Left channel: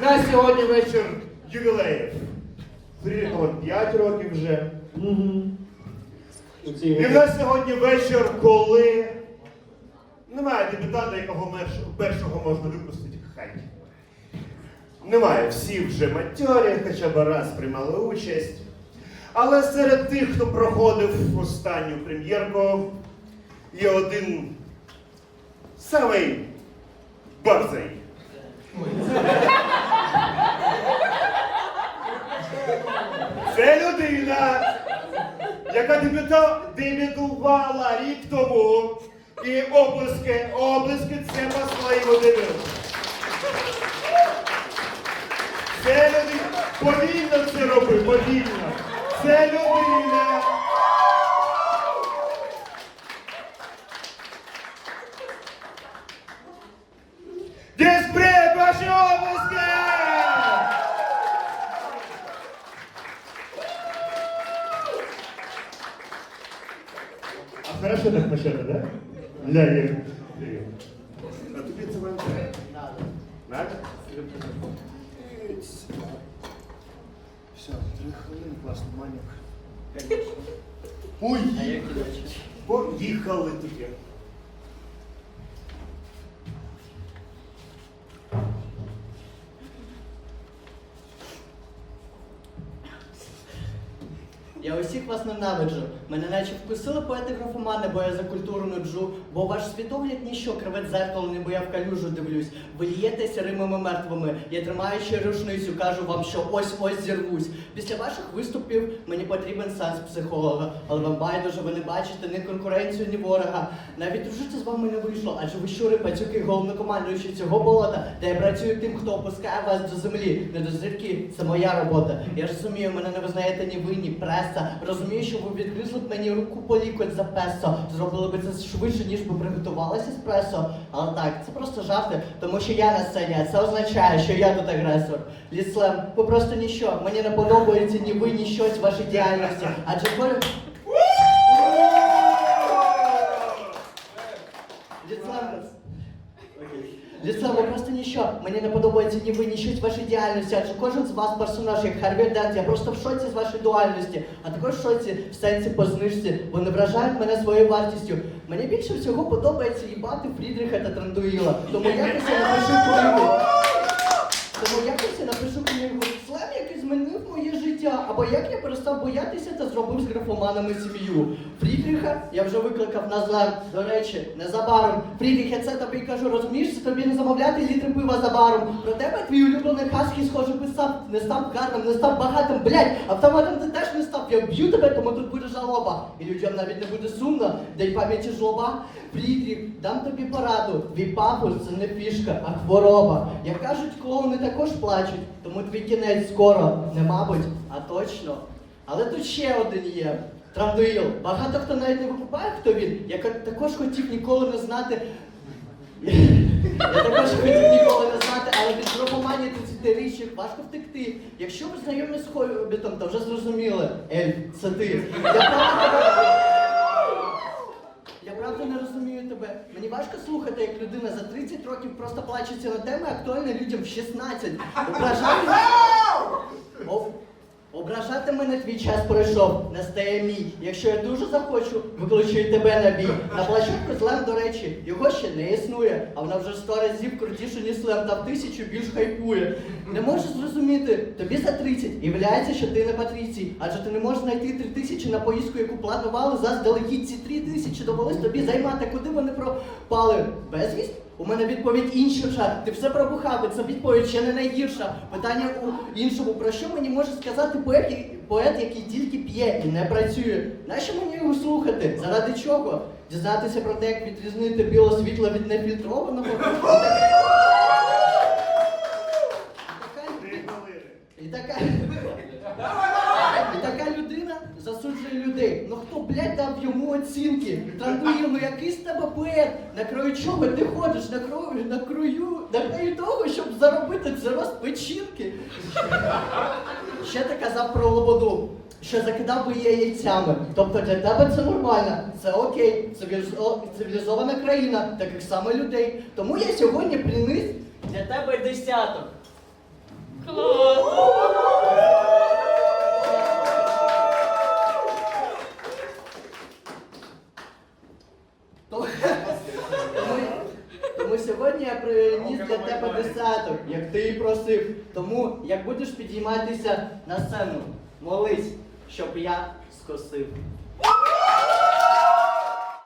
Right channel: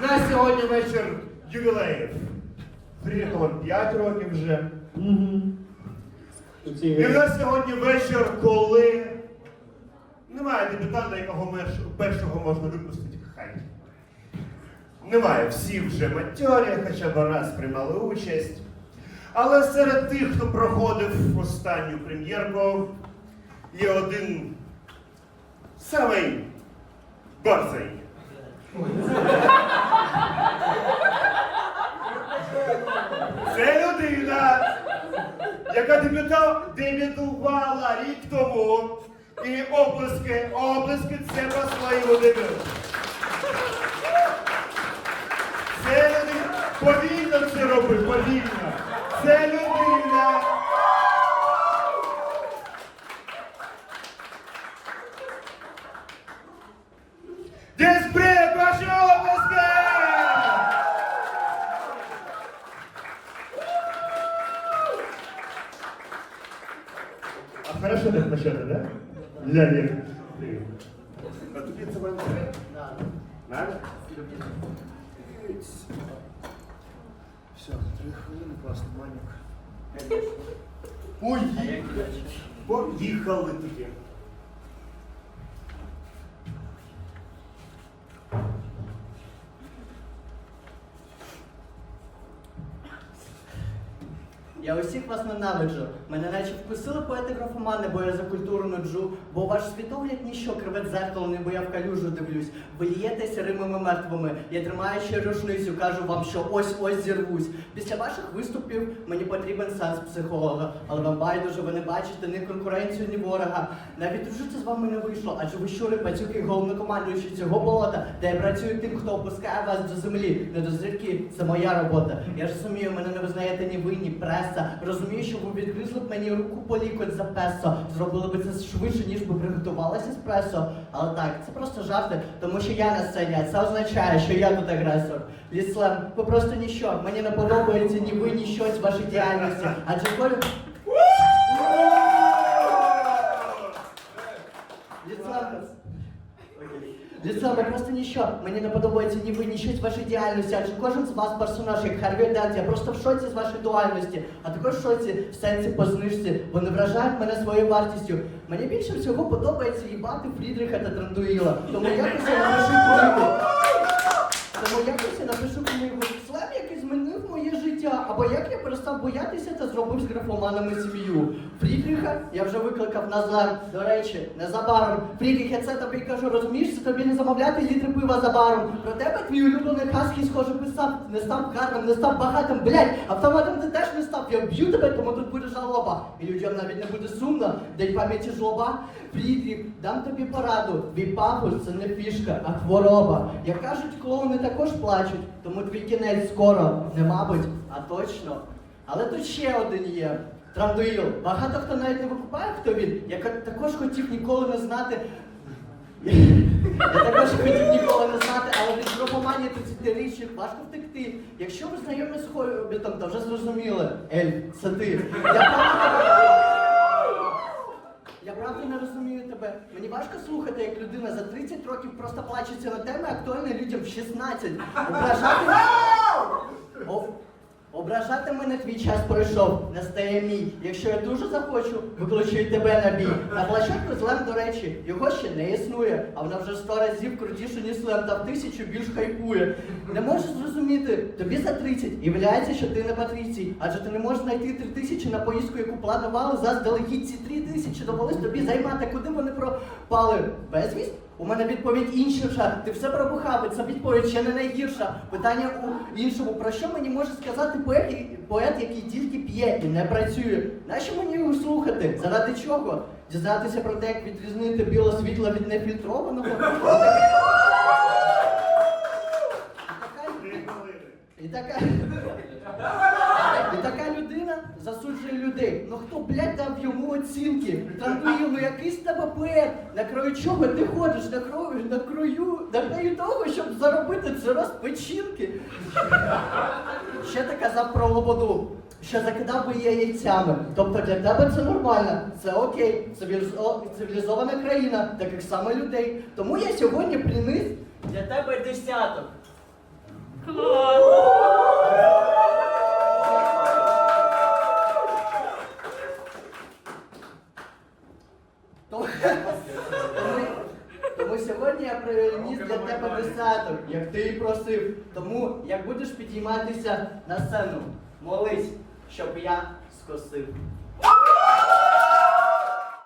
На сьогодні вечір ювілеїв. Приїхало 5 років вже. І в нас сьогодні вечір, коли немає дебютанта, якого першого можна випустити хаті. Немає, всі вже матьорі, хоча б раз приймали участь. Але серед тих, хто проходив останню прем'єрку, є один самий борзий. Це людина, яка дебютувала рік тому. І оплески, оплески це по своєму дебюту. Це людина, повільно це роби, повільно. Це людина. Диспрет, ваші оплески! А хорошо так почати, да? Ля, я. А тобі це треба? Надо? Все, три хвилини, класно, маленько. Ой, поїхали тоді. Я усіх вас ненавиджу. Мене наче вкусили поети графомани, бо я за культуру нуджу. Бо ваш світогляд ніщо кривить зеркало, не бо я в калюжу дивлюсь. Ви лієтеся римами мертвими. Я тримаючи рушницю, кажу вам, що ось ось зірвусь. Після ваших виступів мені потрібен сеанс психолога. Але вам байдуже, ви не бачите ні конкуренцію, ні ворога. Навіть дружити з вами не вийшло, адже ви щури, пацюки, головнокомандуючі цього болота, де я працюю тим, хто опускає вас до землі. Не до зірки, це моя робота. Я ж розумію, мене не визнаєте ні ви, ні преса. Розумію, що ви відгризли б мені руку по лікоть за песо. Зробили б це швидше, ніж би приготувалися пресо. Але так, це просто жарти, тому що я на сцені, це означає, що я тут агресор. Ліслем, ви просто ніщо. Мені не подобається ні ви, ні щось вашій діяльності. Адже коли... Ліслем, Ліслав, ви просто ніщо. Мені не подобається ні ви, ні щось вашої діяльності, адже кожен з вас персонаж, як Харві Дент, я просто в шоці з вашої дуальності, а також в шоці в сенсі по знижці, бо не вражають мене своєю вартістю. Мені більше всього подобається їбати Фрідріха та Трандуїла. Тому якось я напишу книгу. Тому якось я напишу книгу Слем, який змінив моє або як я перестав боятися та зробив з графоманами сім'ю. Фрідріха я вже викликав назад. До речі, незабаром. Фрідріх, я це тобі кажу, розумієш, це тобі не замовляти літри пива за баром. Про тебе твій улюблений хаски, схоже, писав, не став гарним, не став багатим, блядь, автоматом ти теж не став. Я вб'ю тебе, тому тут буде жалоба. І людям навіть не буде сумно, дай пам'яті жлоба. Фрідріх, дам тобі пораду. Твій пафос це не фішка, а хвороба. Як кажуть, клоуни також плачуть, тому твій кінець скоро, не мабуть, а точно. Але тут ще один є. Трандуїл. Багато хто навіть не викупає, хто він. Я також хотів ніколи не знати. Я також хотів ніколи не знати, але від графоманії 30 важко втекти. Якщо ви знайомі з хобітом, то вже зрозуміли. Ельф, це ти. Я правда, я правда не розумію тебе. Мені важко слухати, як людина за 30 років просто плачеться на теми, актуальні людям в 16. Ображати. Ображати мене твій час пройшов, настає мій. Якщо я дуже захочу, викличу тебе на бій. На площадку злем, до речі, його ще не існує, а вона вже сто разів крутіше, ніж слем, та в тисячу більш хайпує. Не можеш зрозуміти, тобі за 30 і виявляється, що ти не патрицій, адже ти не можеш знайти три тисячі на поїздку, яку планували заздалегідь ці три тисячі довелось тобі займати, куди вони пропали. Безвість? У мене відповідь інша. Ти все пробухав, це відповідь ще не найгірша. Питання у іншому. Про що мені може сказати поет, поет, який тільки п'є і не працює? Нащо мені його слухати? Заради чого? Дізнатися про те, як відрізнити біле світло від нефільтрованого? І така, і така людина засуджує людей. Ну хто, блядь, дав йому оцінки? Трандує, ну який з тебе поет? На краю чого ти ходиш? На краю, на краю, на краю того, щоб заробити це печінки. ще ти казав про лободу, що закидав би її яйцями. Тобто для тебе це нормально, це окей, цивілізована країна, таких саме людей. Тому я сьогодні приніс для тебе десяток. Тому, сьогодні я приніс для тебе десяток, як ти і просив. Тому як будеш підійматися на сцену, молись, щоб я скосив.